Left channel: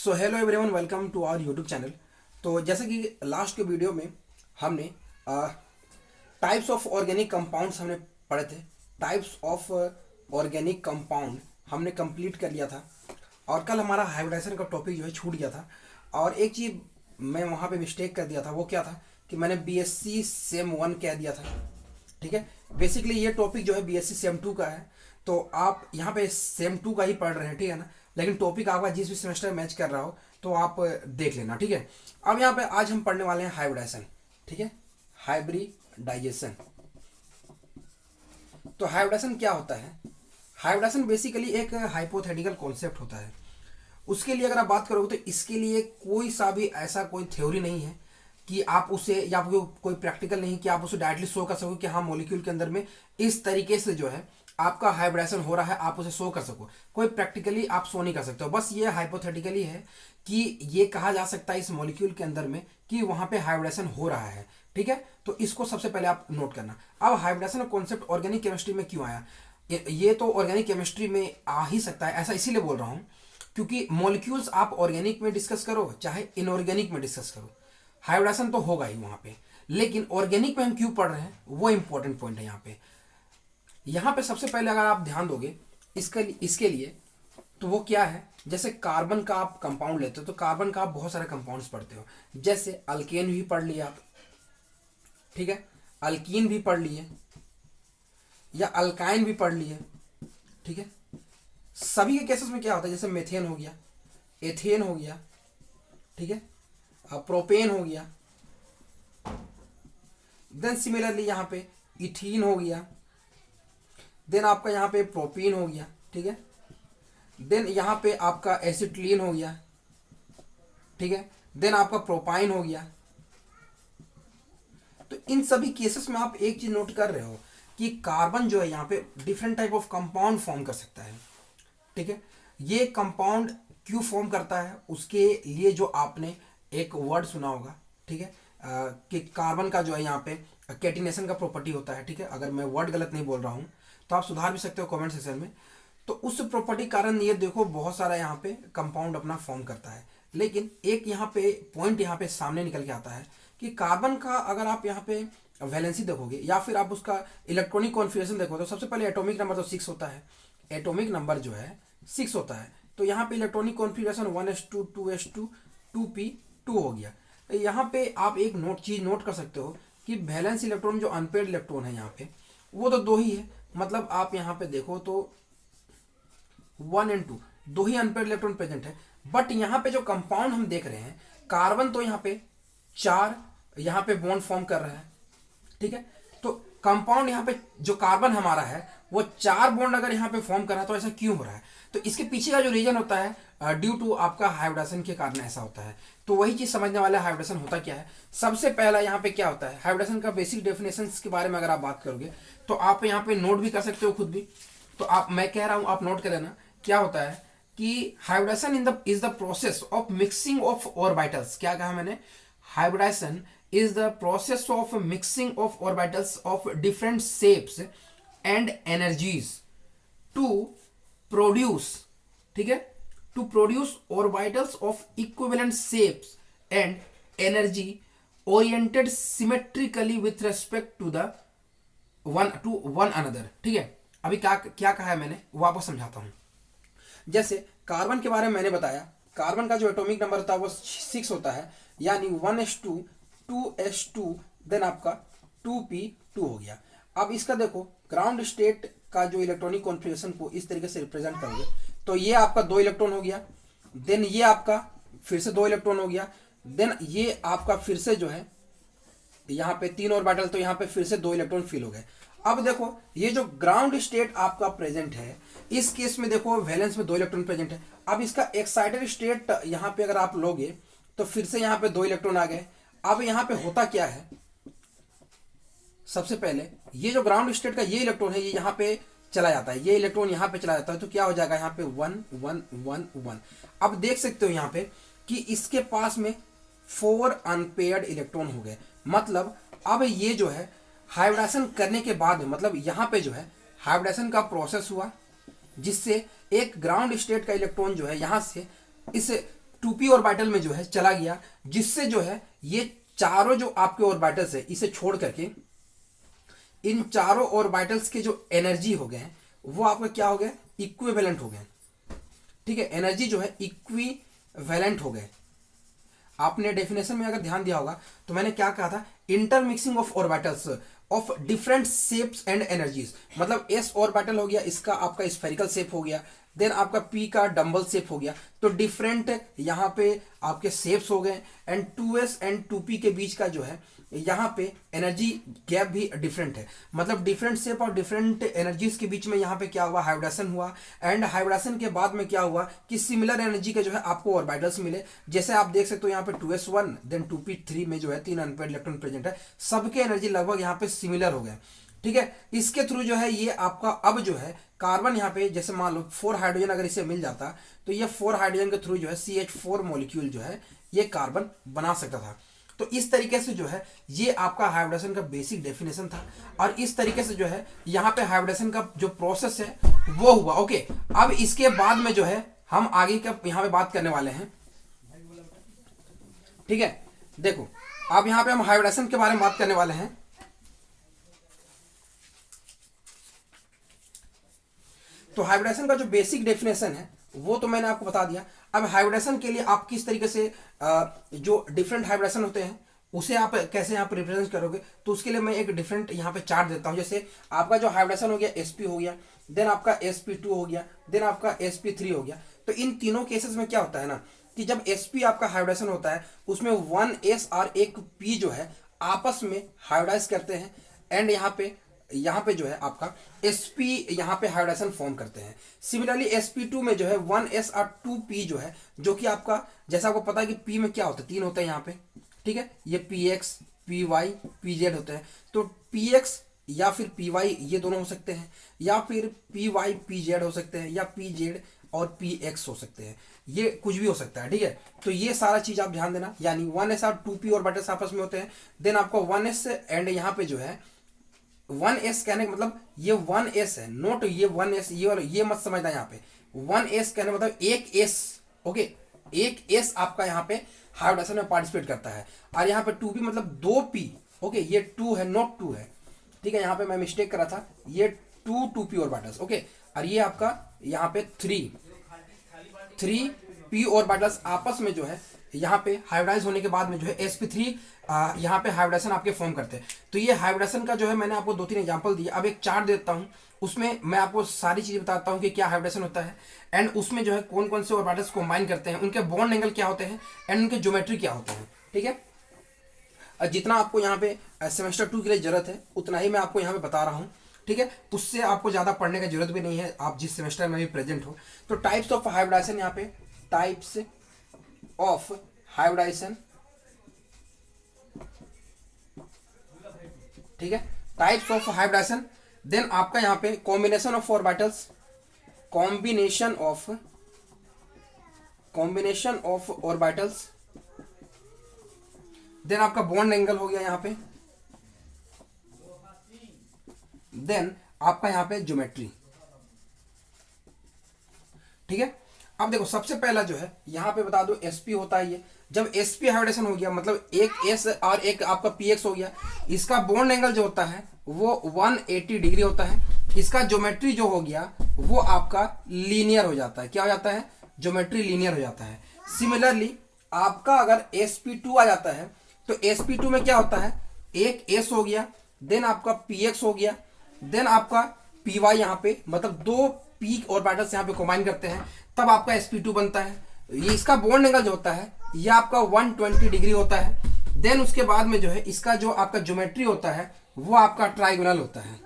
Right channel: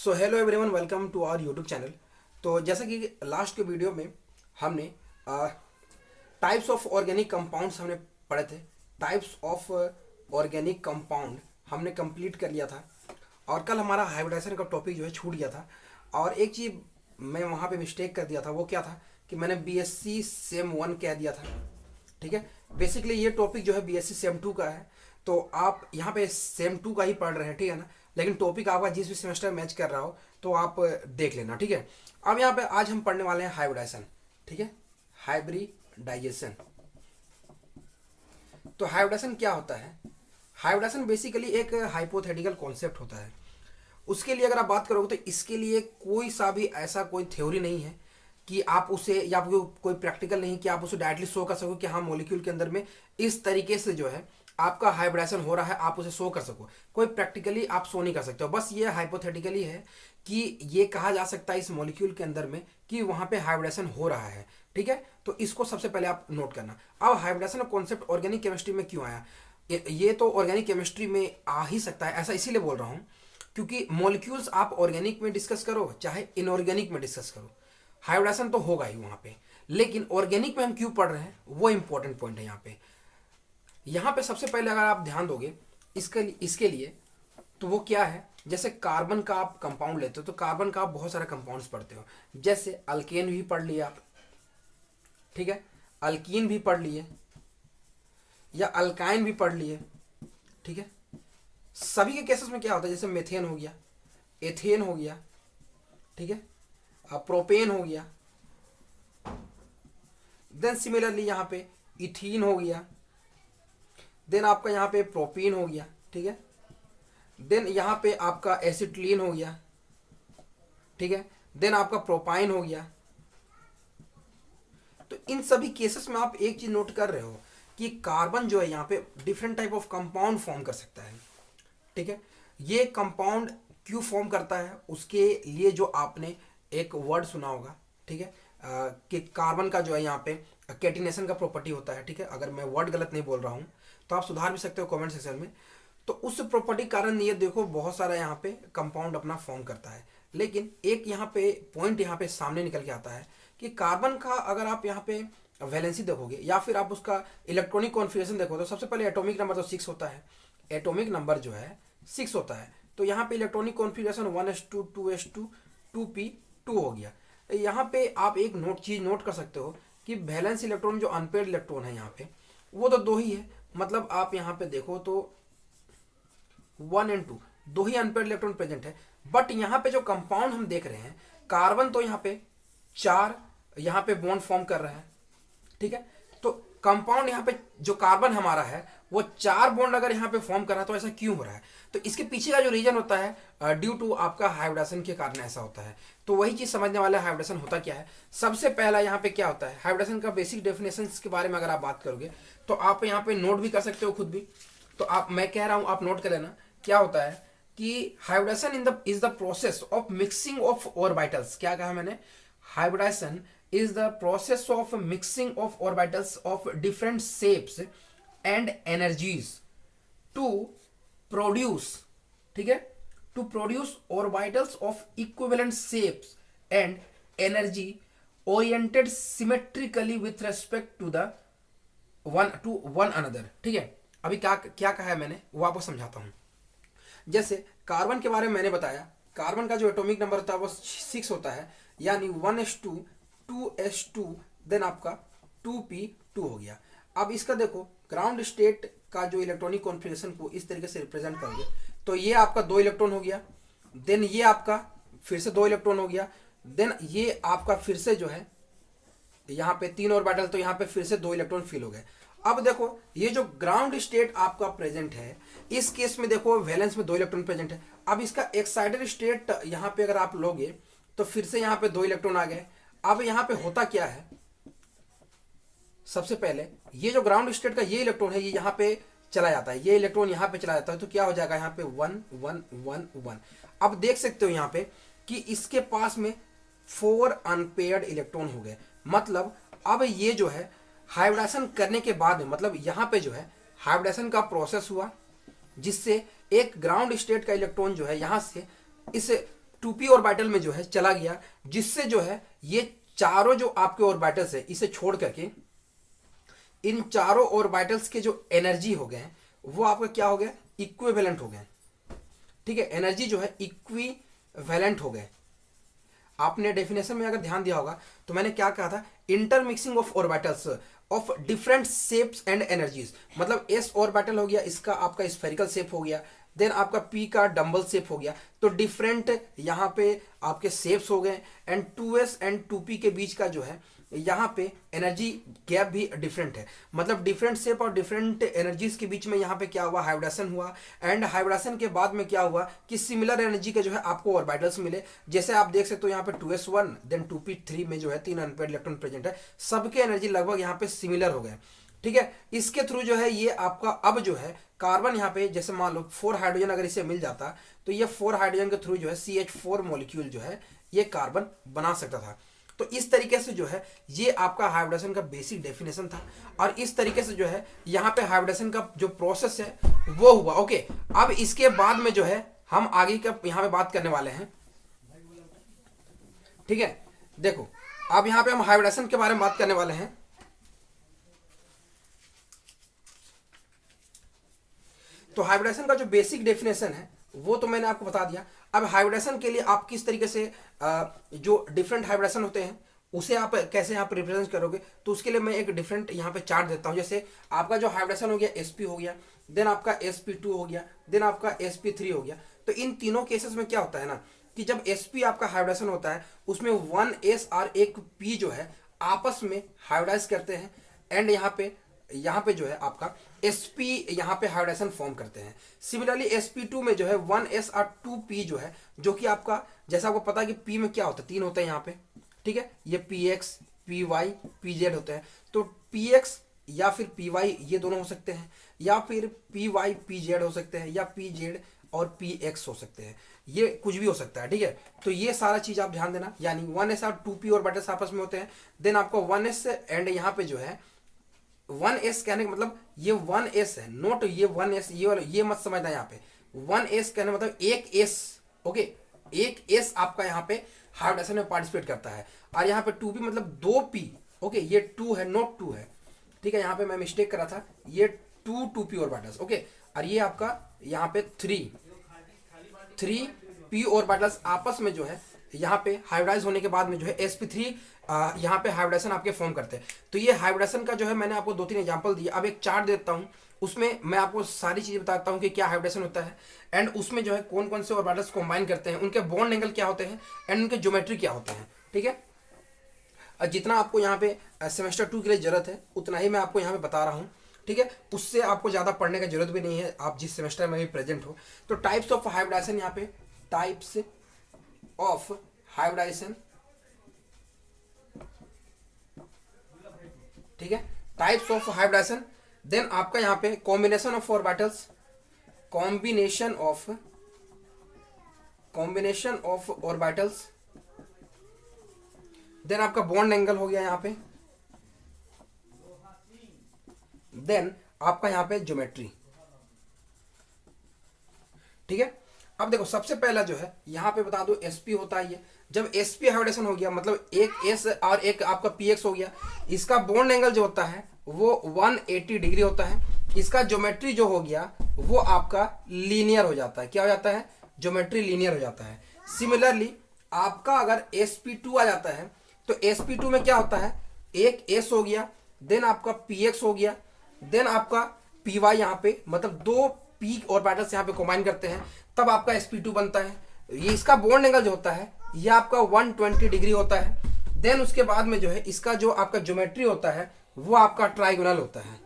So hello everyone, welcome to our YouTube channel. तो जैसे कि लास्ट के वीडियो में हमने टाइप्स ऑफ ऑर्गेनिक कंपाउंड्स हमने पढ़े थे। टाइप्स ऑफ ऑर्गेनिक कंपाउंड हमने कंप्लीट कर लिया था और कल हमारा हाइब्रिडाइजेशन का टॉपिक जो है छूट गया था। और एक चीज़ मैं वहाँ पे मिस्टेक कर दिया था, वो क्या था कि मैंने बीएससी सेम 1 कह दिया था। ठीक है, बेसिकली ये टॉपिक जो है बीएससी सेम 2 का है, तो आप यहाँ पे सेम 2 का ही पढ़ रहे हैं, ठीक है ना। लेकिन टॉपिक आपका जिस भी सेमेस्टर मैच कर रहा हो तो आप देख लेना, ठीक है। अब यहाँ पे आज हम पढ़ने वाले हैं हाइब्रिडाइजेशन, ठीक है, हाइब्रिडाइजेशन। तो हाइब्रिडाइजेशन क्या होता है? हाइब्रिडाइजेशन बेसिकली एक हाइपोथेटिकल कॉन्सेप्ट होता है। उसके लिए अगर आप बात करोगे तो इसके लिए कोई सा भी ऐसा कोई थ्योरी नहीं है कि आप उसे, या कोई प्रैक्टिकल नहीं कि आप उसे डायरेक्टली शो कर सको कि हाँ मॉलिक्यूल के अंदर में इस तरीके से जो है आपका हाइब्रिडाइजेशन हो रहा है, आप उसे शो कर सको। कोई प्रैक्टिकली आप शो नहीं कर सकते हो, बस ये हाइपोथेटिकली है कि ये कहा जा सकता है इस मॉलिक्यूल के अंदर में कि वहां पे हाइब्रिडेशन हो रहा है, ठीक है। तो इसको सबसे पहले आप नोट करना। अब हाइब्रिडेशन का कॉन्सेप्ट ऑर्गेनिक केमिस्ट्री में क्यों आया? ये तो ऑर्गेनिक केमिस्ट्री में आ ही सकता है, ऐसा इसीलिए बोल रहा हूँ क्योंकि मॉलिक्यूल्स आप ऑर्गेनिक में डिस्कस करो चाहे इनऑर्गेनिक में डिस्कस करो, हाइब्रिडेशन तो होगा ही वहां पे। लेकिन ऑर्गेनिक में हम क्यों पढ़ रहे हैं वो इंपॉर्टेंट पॉइंट है यहाँ पे। यहाँ पे सबसे पहले अगर आप ध्यान दोगे इसके लिए तो वो क्या है, जैसे कार्बन का आप कंपाउंड लेते हो तो कार्बन का आप बहुत सारे कंपाउंड्स पढ़ते हो। जैसे अल्केन भी पढ़ लिया आप, ठीक है, अल्कीन भी पढ़ लिए या अल्काइन भी पढ़ लिए, ठीक है। सभी के केसेस में क्या होता है, जैसे मेथेन हो गया, एथेन हो गया, ठीक है, प्रोपेन हो गया, देन सिमिलरली यहाँ पे इथीन हो गया, देन आपका यहाँ पे प्रोपीन हो गया, ठीक है, देन यहाँ पे आपका एसिटिलीन हो गया, ठीक है, देन आपका प्रोपाइन हो गया। तो इन सभी केसेस में आप एक चीज नोट कर रहे हो कि कार्बन जो है यहाँ पे different type of compound form कर सकता है, ठीक है। ये कंपाउंड क्यों फॉर्म करता है उसके लिए जो आपने एक वर्ड सुना होगा, ठीक है, कि कार्बन का जो है यहाँ पे कैटिनेशन का प्रॉपर्टी होता है, ठीक है। अगर मैं वर्ड गलत नहीं बोल रहा हूँ तो आप सुधार भी सकते हो कमेंट सेक्शन में। तो उस प्रॉपर्टी कारण ये देखो बहुत सारा यहाँ पे कंपाउंड अपना फॉर्म करता है। लेकिन एक यहाँ पे पॉइंट यहाँ पे सामने निकल के आता है कि कार्बन का अगर आप यहाँ पे वैलेंसी देखोगे या फिर आप उसका इलेक्ट्रॉनिक कॉन्फिगरेशन देखो तो सबसे पहले एटॉमिक नंबर तो 6 होता है। एटॉमिक नंबर जो है 6 होता है, तो यहाँ पे electronic configuration 1s2 2s2 2p2 हो गया। यहाँ पे आप एक चीज नोट कर सकते हो कि वैलेंस इलेक्ट्रॉन जो अनपेड इलेक्ट्रॉन है यहाँ पे वो तो 2 ही है। मतलब आप यहाँ पे देखो तो 1 और 2 दो ही अनपेड इलेक्ट्रॉन प्रेजेंट है। बट यहाँ पे जो कंपाउंड हम देख रहे हैं, कार्बन तो यहाँ पे 4 यहाँ पे बॉन्ड फॉर्म कर रहा है, ठीक है। तो कंपाउंड यहाँ पे जो कार्बन हमारा है वो 4 बॉन्ड अगर यहाँ पे फॉर्म कर रहा है तो ऐसा क्यों हो रहा है? तो इसके पीछे का जो रीजन होता है ड्यू टू आपका हाइब्रिडेशन के कारण ऐसा होता है। तो वही चीज समझने वाला हाइब्रिडेशन होता क्या है। सबसे पहला यहाँ पे क्या होता है, हाइब्रिडेशन का बेसिक डेफिनेशन के बारे में अगर आप बात करोगे तो आप यहाँ पे नोट भी कर सकते हो खुद भी। तो आप, मैं कह रहा हूँ आप नोट कर लेना। क्या होता है कि hybridisation is the process of mixing of orbitals. क्या कहा मैंने? Hybridisation is the process of mixing of orbitals of different shapes and energies to produce, ठीक है, to produce orbitals of equivalent shapes and energy oriented symmetrically with respect to the one another, ठीक है। अभी क्या क्या कहा है मैंने वो आपको समझाता हूं। जैसे कार्बन के बारे में मैंने बताया, कार्बन का जो एटॉमिक नंबर होता है वो 6 होता है, यानी 1s2 2s2 देन आपका 2p2 हो गया। अब इसका देखो ग्राउंड स्टेट का जो इलेक्ट्रॉनिक कॉन्फिगरेशन को इस तरीके से रिप्रेजेंट करोगे तो ये आपका 2 इलेक्ट्रॉन हो गया, देन ये आपका फिर से 2 इलेक्ट्रॉन हो गया, देन ये आपका फिर से जो है यहाँ पे 3 और बाटल, तो यहाँ पे फिर से 2 इलेक्ट्रॉन फिल हो गए। अब देखो ये जो ग्राउंड स्टेट आपका प्रेजेंट है इस केस में देखो वैलेंस में 2 इलेक्ट्रॉन प्रेजेंट है। अब इसका एक्साइटेड स्टेट यहाँ पे अगर आप लोगे तो फिर से यहाँ पे 2 इलेक्ट्रॉन आ गए। अब यहाँ पे होता क्या है, सबसे पहले ये जो ग्राउंड स्टेट का ये इलेक्ट्रॉन है ये यहाँ पे चला जाता है, ये इलेक्ट्रॉन यहाँ पे चला जाता है, तो क्या हो जाएगा यहाँ पे 1 1 1 1। अब देख सकते हो यहाँ पे कि इसके पास में 4 अनपेयर्ड इलेक्ट्रॉन हो गए। मतलब अब ये जो है हाइब्रिडेशन करने के बाद मतलब यहाँ पे जो है हाइब्रिडेशन का प्रोसेस हुआ जिससे एक ग्राउंड स्टेट का इलेक्ट्रॉन जो है यहाँ से इस 2p ऑर्बिटल में जो है चला गया, जिससे जो है ये चारों जो आपके ऑर्बिटल्स है इसे छोड़ करके इन चारों ऑर्बिटल्स के जो एनर्जी हो गए वो आपका क्या हो गया, इक्विवेलेंट हो गए। ठीक है, एनर्जी जो है इक्विवेलेंट हो गए। आपने डेफिनेशन में अगर ध्यान दिया होगा तो मैंने क्या कहा था, intermixing of orbitals of different shapes and energies. मतलब एस ऑर्बिटल हो गया, इसका आपका स्फेरिकल शेप हो गया, देन आपका पी का डम्बल शेप हो गया, तो डिफरेंट यहाँ पे आपके शेप्स हो गए। एंड 2s एंड 2p के बीच का जो है यहाँ पे एनर्जी गैप भी डिफरेंट है। मतलब डिफरेंट शेप और डिफरेंट एनर्जीज के बीच में यहाँ पे क्या हुआ, हाइब्रिडेशन हुआ। एंड हाइब्रिडेशन के बाद में क्या हुआ कि सिमिलर एनर्जी के जो है आपको ऑर्बिटल्स मिले। जैसे आप देख सकते हो यहाँ पे 2s1 देन 2p3 में जो है 3 अनपेयर्ड इलेक्ट्रॉन प्रेजेंट है, सबके एनर्जी लगभग यहाँ पे सिमिलर हो गए। ठीक है, इसके थ्रू जो है ये आपका अब जो है कार्बन यहाँ पे जैसे मान लो 4 हाइड्रोजन अगर इसे मिल जाता तो ये 4 हाइड्रोजन के थ्रू जो है CH4 मॉलिक्यूल जो है ये कार्बन बना सकता था। तो इस तरीके से जो है ये आपका हाइब्रिडेशन का बेसिक डेफिनेशन था। और इस तरीके से जो है यहाँ पे हाइब्रिडेशन का जो प्रोसेस है वो हुआ। ओके, अब इसके बाद में जो है हम आगे का यहाँ पे बात करने वाले हैं। ठीक है, देखो अब यहाँ पे हम हाइब्रिडेशन के बारे में बात करने वाले हैं। तो हाइब्रिडेशन का जो बेसिक डेफिनेशन है वो तो मैंने आपको बता दिया। अब हाइब्रिडेशन के लिए आप किस तरीके से जो डिफरेंट हाइब्रिडेशन होते हैं उसे आप कैसे यहाँ पे रिप्रेजेंट करोगे, तो उसके लिए मैं एक डिफरेंट यहाँ पे चार्ट देता हूँ। जैसे आपका जो हाइब्रिडेशन हो गया sp हो गया, देन आपका sp2 हो गया, देन आपका sp3 हो गया। तो इन तीनों केसेस में क्या होता है ना कि जब sp आपका हाइब्रिडेशन होता है उसमें 1s और एक p जो है आपस में हाइब्रिडाइज करते हैं। एंड यहाँ पे जो है आपका sp यहाँ पे हाइब्रिडेशन फॉर्म करते हैं। सिमिलरली sp2 में जो है 1s और 2p जो है, जो कि आपका जैसा आपको पता है कि p में क्या होता है, 3 होता है यहाँ पे। ठीक है, ये px py pz होता है। तो px या फिर py ये दोनों हो सकते हैं, या फिर py pz हो सकते हैं, या pz और px हो सकते हैं, ये कुछ भी हो सकता है। ठीक है, तो ये सारा चीज आप ध्यान देना। यानी 1s और 2p ऑर्बिटल्स आपस में होते हैं। देन आपका 1s एंड यहाँ पे जो है 1s कहने का मतलब ये 1s है, नोट ये 1s, ये मत समझना। यहाँ पे 1s कहने मतलब एक s। ओके, एक s आपका यहाँ पे हाइब्रिडेशन में पार्टिसिपेट करता है। और यहाँ पे 2p मतलब 2p। ओके, ये 2 है, नोट 2 है। ठीक है, यहाँ पे मैं मिस्टेक करा था, ये 2p ऑर्बिटल्स। ओके, और ये आपका यहाँ पे 3p ऑर्बिटल्स आपस में जो है यहाँ पे हाइब्रिडाइज होने के बाद में जो है sp3 यहाँ पे हाइब्रिडेशन आपके फॉर्म करते हैं। तो ये हाइब्रिडेशन का जो है मैंने आपको 2-3 एग्जांपल दिए। अब एक चार्ट देता हूँ, उसमें मैं आपको सारी चीजें बताता हूँ कि क्या हाइब्रिडेशन होता है, एंड उसमें जो है कौन कौन से ऑर्बिटल्स कंबाइन करते हैं, उनके बॉन्ड एंगल क्या होते हैं, एंड उनके ज्योमेट्री क्या होते हैं। ठीक है, और जितना आपको यहाँ पे सेमेस्टर 2 के लिए जरूरत है उतना ही मैं आपको यहाँ पे बता रहा हूँ। ठीक है, उससे आपको ज्यादा पढ़ने की जरूरत भी नहीं है, आप जिस सेमेस्टर में भी प्रेजेंट हो। तो टाइप्स ऑफ हाइब्रिडेशन, यहाँ पे टाइप्स ऑफ हाइब्रिडेशन। ठीक है, टाइप्स ऑफ हाइब्रिडेशन। देन आपका यहाँ पे combination of orbitals, combination of orbitals. Then आपका बॉन्ड एंगल हो गया यहाँ पे। देन आपका यहाँ पे ज्योमेट्री। ठीक है, अब देखो सबसे पहला जो है यहाँ पे बता दो sp होता है। ये जब sp हाइब्रिडेशन हो गया मतलब एक s और एक आपका px हो गया, इसका बॉन्ड एंगल जो होता है वो 180 डिग्री होता है। इसका ज्योमेट्री जो हो गया वो आपका लीनियर हो जाता है। क्या हो जाता है, ज्योमेट्री लीनियर हो जाता है। सिमिलरली आपका अगर sp2 आ जाता है तो sp2 में क्या होता है, एक s हो गया, देन आपका px हो गया, देन आपका py यहाँ पे मतलब 2 p ऑर्बिटल्स यहाँ पे कंबाइन करते हैं, तब आपका sp2 बनता है। ये इसका बॉन्ड एंगल जो होता है ये आपका 120 डिग्री होता है। देन उसके बाद में जो है इसका जो आपका ज्योमेट्री होता है वो आपका ट्राइगोनल होता है,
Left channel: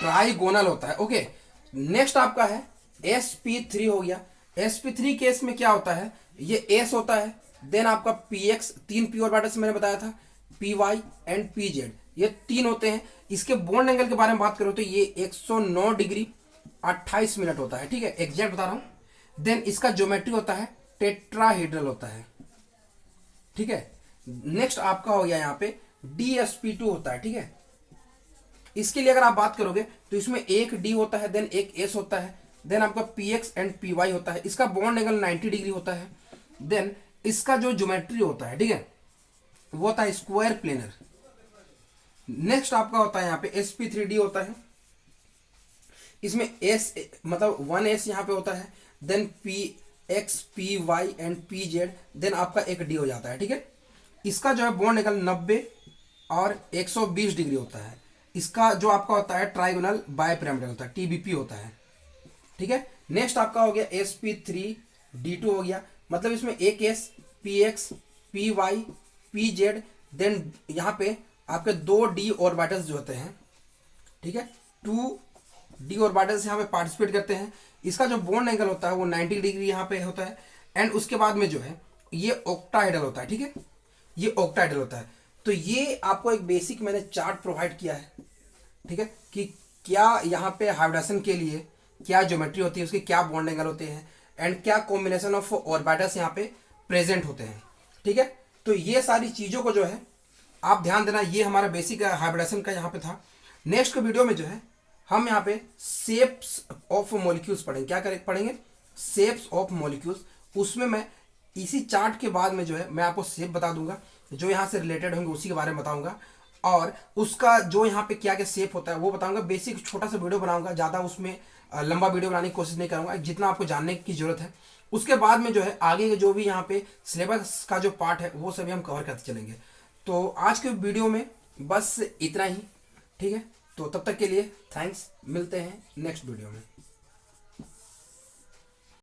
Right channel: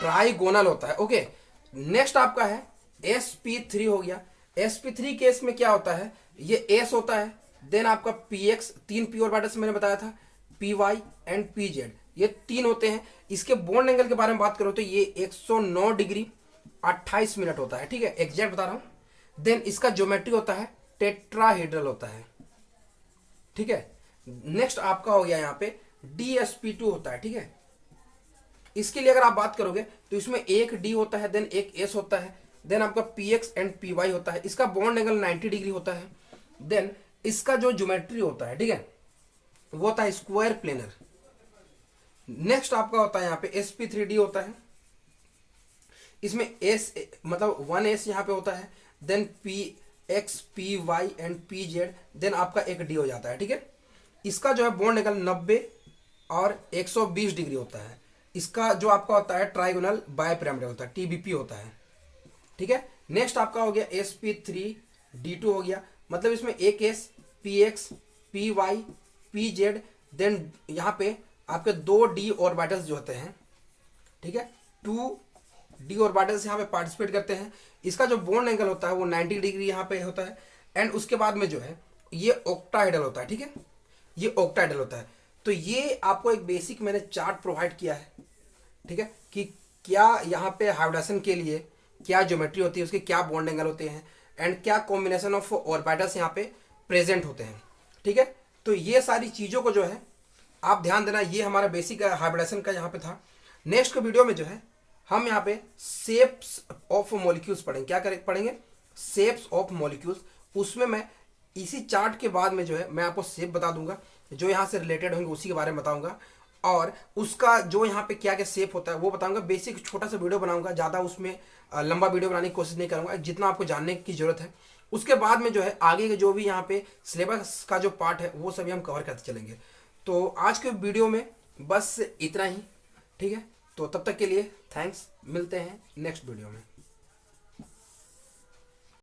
ट्राइगोनल होता है। ओके, नेक्स्ट आपका है sp3 हो गया। sp3 केस में क्या होता है, ये s होता है, देन आपका px, 3 p ऑर्बिटल्स मैंने बताया था, py एंड pz, ये 3 होते हैं। इसके बॉन्ड एंगल के बारे में बात करो तो ये 109 डिग्री 28 मिनट होता है। ठीक है, एग्जैक्ट बता रहा हूं। देन इसका ज्योमेट्री होता है टेट्राहेड्रल होता है। ठीक है, नेक्स्ट आपका हो गया यहाँ पे dsp2 होता है। ठीक है, इसके लिए अगर आप बात करोगे तो इसमें एक d होता है, देन एक s होता है, देन आपका px एंड py होता है। इसका बॉन्ड एंगल 90 डिग्री होता है। देन इसका जो ज्योमेट्री होता है, ठीक है, वो होता है स्क्वायर प्लेनर। नेक्स्ट आपका होता है यहाँ पे sp3d होता है, इसमें s मतलब 1s यहाँ पे होता है, then px py and pz, then आपका एक d हो जाता है, ठीक है। इसका जो है बॉन्ड एंगल 90 और 120 डिग्री होता है। इसका जो आपका होता है ट्राइगोनल बाइपिरामिडल होता है, TBP होता है, ठीक है। नेक्स्ट आपका हो गया sp3d2 हो गया, मतलब इसमें एक s px py pz, then यहाँ पे आपके 2d ऑर्बिटल्स जो होते हैं, ठीक है, 2d ऑर्बिटल्स यहाँ पे पार्टिसिपेट करते हैं। इसका जो बॉन्ड एंगल होता है वो 90 डिग्री यहाँ पे होता है। एंड उसके बाद में जो है ये ऑक्टाहेड्रल होता है, ठीक है, ये ऑक्टाहेड्रल होता है। तो ये आपको एक बेसिक मैंने चार्ट प्रोवाइड किया है, ठीक है, कि क्या यहाँ पे हाइब्रिडेशन के लिए क्या ज्योमेट्री होती है, उसके क्या बॉन्ड एंगल होते हैं, एंड क्या कॉम्बिनेशन ऑफ ऑर्बिटल्स यहाँ पे प्रेजेंट होते हैं, ठीक है। तो ये सारी चीज़ों को जो है आप ध्यान देना, ये हमारा बेसिक हाइब्रिडेशन का यहाँ पे था। नेक्स्ट वीडियो में जो है हम यहाँ पे शेप्स ऑफ मॉलिक्यूल्स पढ़ेंगे। क्या करें, पढ़ेंगे शेप्स ऑफ मॉलिक्यूल्स। उसमें मैं इसी चार्ट के बाद में जो है मैं आपको शेप बता दूंगा, जो यहाँ से रिलेटेड होंगे उसी के बारे में बताऊंगा, और उसका जो यहाँ पे क्या क्या शेप होता है वो बताऊंगा। बेसिक छोटा सा वीडियो बनाऊंगा, ज़्यादा उसमें लंबा वीडियो बनाने की कोशिश नहीं करूंगा, जितना आपको जानने की जरूरत है। उसके बाद में जो है आगे के जो भी यहाँ पे सिलेबस का जो पार्ट है वो सभी हम कवर करते चलेंगे। तो आज के वीडियो में बस इतना ही, ठीक है। तो तब तक के लिए थैंक्स, मिलते हैं नेक्स्ट वीडियो में।